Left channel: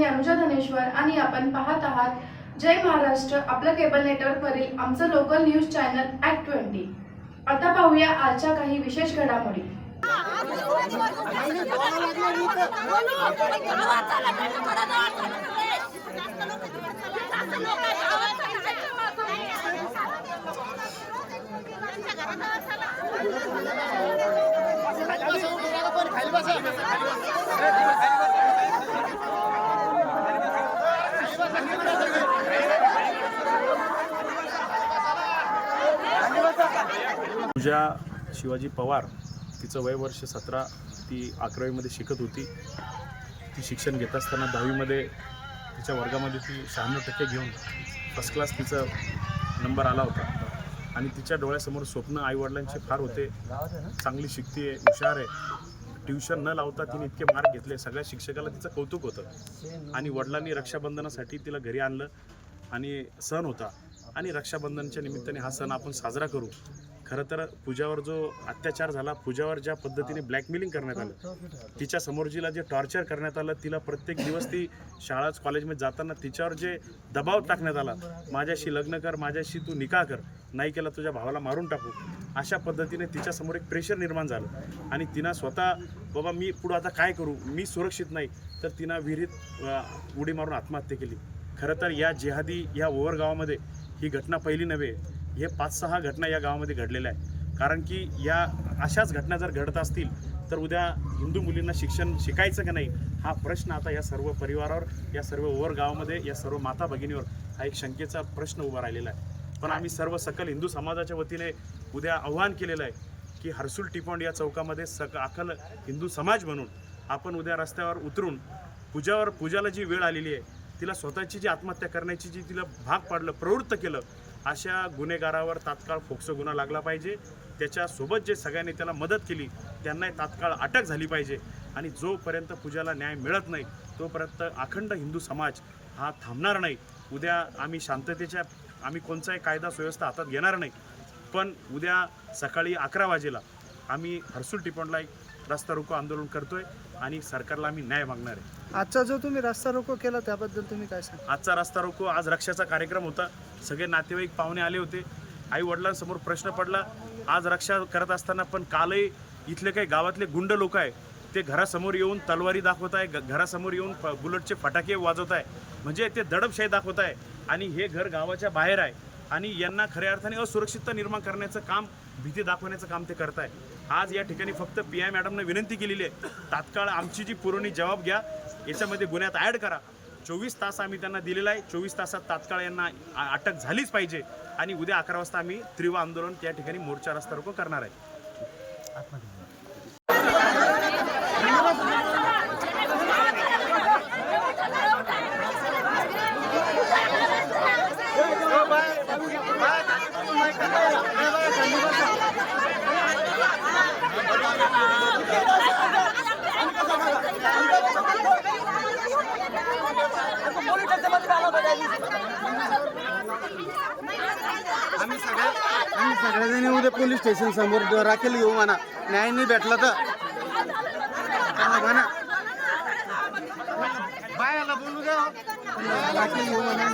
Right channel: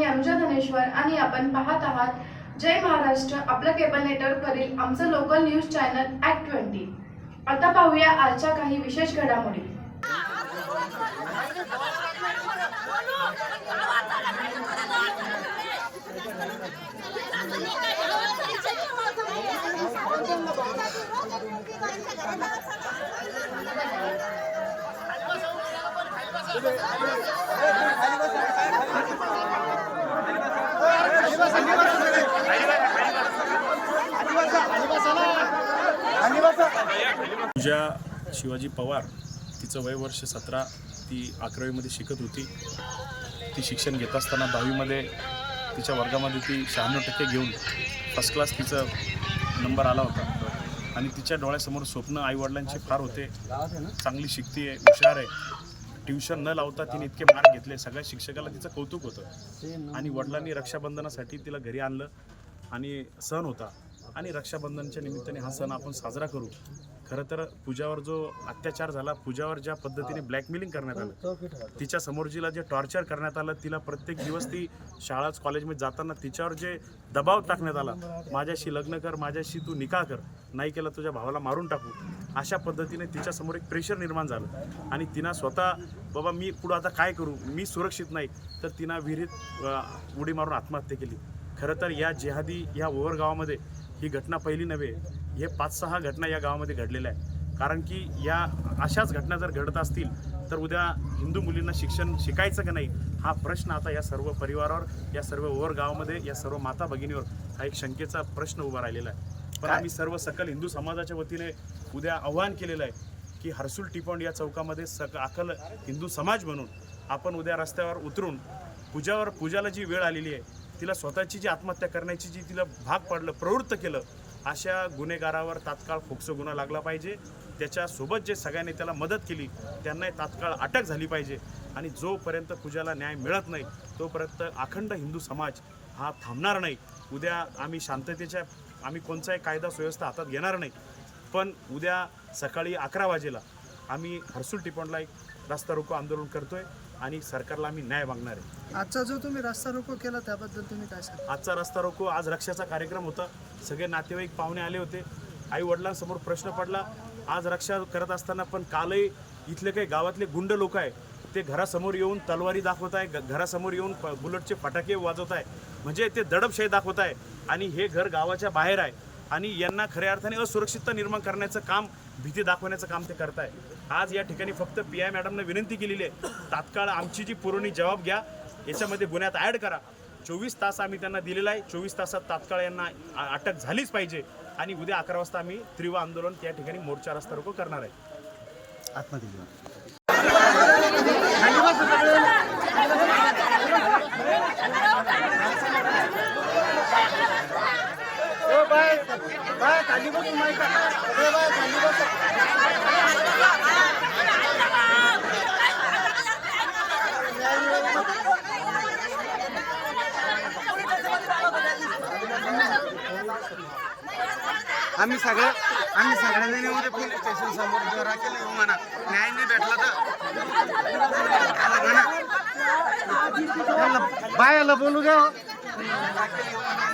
मी अमजा धनेश्वर आणि आपण पाहत आहात. जय महाराष्ट्र आपलं केबल नेटवर्कवरील आमचं local news channel act twenty आता पाहूया आजच्या काही विशेष घडामोडी. पूजा शिवाजी पवार तिचं वय वर्ष सतरा ती अकरावीमध्ये शिकत होती. ती शिक्षण घेत असताना दहावीमध्ये तिच्या वर्गामध्ये ती शहाण्णव टक्के घेऊन फर्स्ट क्लास तिचा नंबर आला होता. आणि तिच्या डोळ्यासमोर स्वप्न आईवडिलांचे फार होते. चांगली शिकती आहे हुशार आहे. ट्युशन न लावता तिने इतके मार्क घेतले. सगळ्या शिक्षकाला तिचं कौतुक होतं. आणि वडिलांनी रक्षाबंधनासाठी तिला घरी आणलं आणि सण होता. आणि रक्षाबंधनच्या निमित्ताने हा सण आपण साजरा करू. खरं तर पूजावर जो अत्याचार झाला पूजावर ज्या पद्धतीने ब्लॅकमेलिंग करण्यात आलं तिच्या समोरजीला जे टॉर्चर करण्यात आलं तिला प्रत्येक दिवस ती शाळा कॉलेजमध्ये जाताना तिच्यावर जे दबाव टाकण्यात आला माझ्याशी लग्न कर माझ्याशी तू निकाह कर नाही केलं तुझ्या भावाला मारून टाकू अशा पद्धतीने तिच्यासमोर एक प्रेशर निर्माण झालं. आणि तिनं स्वतः बाबा मी पुढं आता काय करू? मी सुरक्षित नाही. तर तिनं विहिरीत उडी मारून आत्महत्या केली. खरं तर या जिहादी या ओव्हर गावामध्ये ही घटना पहिली नव्हे हे पाच सहा घटना या गावामध्ये घडलेल्या आहे कारण की या अशाच घटना जर घडत असतील तर उद्या हिंदू मुलींना शिक्षण शिकायचं का नाही हा प्रश्न आता या सर्व परिवारावर या सर्व ओवर गावामध्ये या सर्व माता भगिनीवर हा एक शंकेचा प्रश्न उभा राहिलेला आहे. पण आम्ही सर्व सकल हिंदू समाजाच्या वतीने उद्या आव्हान केलेलं आहे की हर्सुल टिपॉंड या चौकामध्ये सक अकल हिंदू समाज म्हणून आपण उद्या रस्त्यावर उतरून पूजावर पूजाला जी वेळ आलेली आहे तिला स्वतःची जी आत्महत्या करण्याची जी तिला भाग पाडलं प्रवृत्त केलं अशा गुन्हेगारावर तात्काळ फोक्सो गुन्हा लागला पाहिजे. त्याच्यासोबत जे सगळ्यांनी त्याला मदत केली त्यांनाही तात्काळ अटक झाली पाहिजे. आणि जोपर्यंत पूजाला न्याय मिळत नाही तोपर्यंत अखंड हिंदू समाज हा थांबणार नाही. उद्या आम्ही शांततेच्या आम्ही कोणताही कायदा सुव्यवस्था हातात घेणार नाही. पण उद्या सकाळी अकरा वाजेला आम्ही हर्सुल टिपणला एक रस्ता रोको आंदोलन करतोय आणि सरकारला आम्ही न्याय मागणार आहे. आजचा जो तुम्ही रस्ता रोको केला त्याबद्दल तुम्ही काय सांगा आजचा रस्ता रोको आज रक्षाचा कार्यक्रम होता. सगळे नातेवाईक पाहुणे आले होते. आई वडिलांसमोर प्रश्न पडला. आज रक्षा करत असताना पण कालही इथले काही गावातले गुंड लोक आहे ते घरासमोर येऊन तलवारी दाखवत आहे घरासमोर येऊन प- बुलेटचे फटाके वाजवत आहे. म्हणजे ते दडपशाही दाखवत आहे. आणि हे घर गावाच्या बाहेर आहे. आणि यांना खऱ्या अर्थाने असुरक्षितता निर्माण करण्याचं काम भीती दाखवण्याचं काम ते करत आहे. आज या ठिकाणी फक्त पी आय मॅडमने विनंती केलेली आहे. तात्काळ आमची जी पुरवणी जबाब घ्या. याच्यामध्ये गुन्ह्यात ॲड करा. चोवीस तास आम्ही त्यांना दिलेला आहे. चोवीस तासात तात्काळ यांना अटक झालीच पाहिजे. आणि उद्या अकरा वाजता आम्ही तीव्र आंदोलन त्या ठिकाणी मोर्चा रस्ता रोको करणार आहे. आम्ही सगळं आम्ही सगळ्याजण उद्या पोलीस स्टेशन समोर. राखेल येऊ म्हणा. न्याय नाही भेटला तर म्हणा. त्यांना बायाला बोलू द्या. राखेल येऊ म्हणा.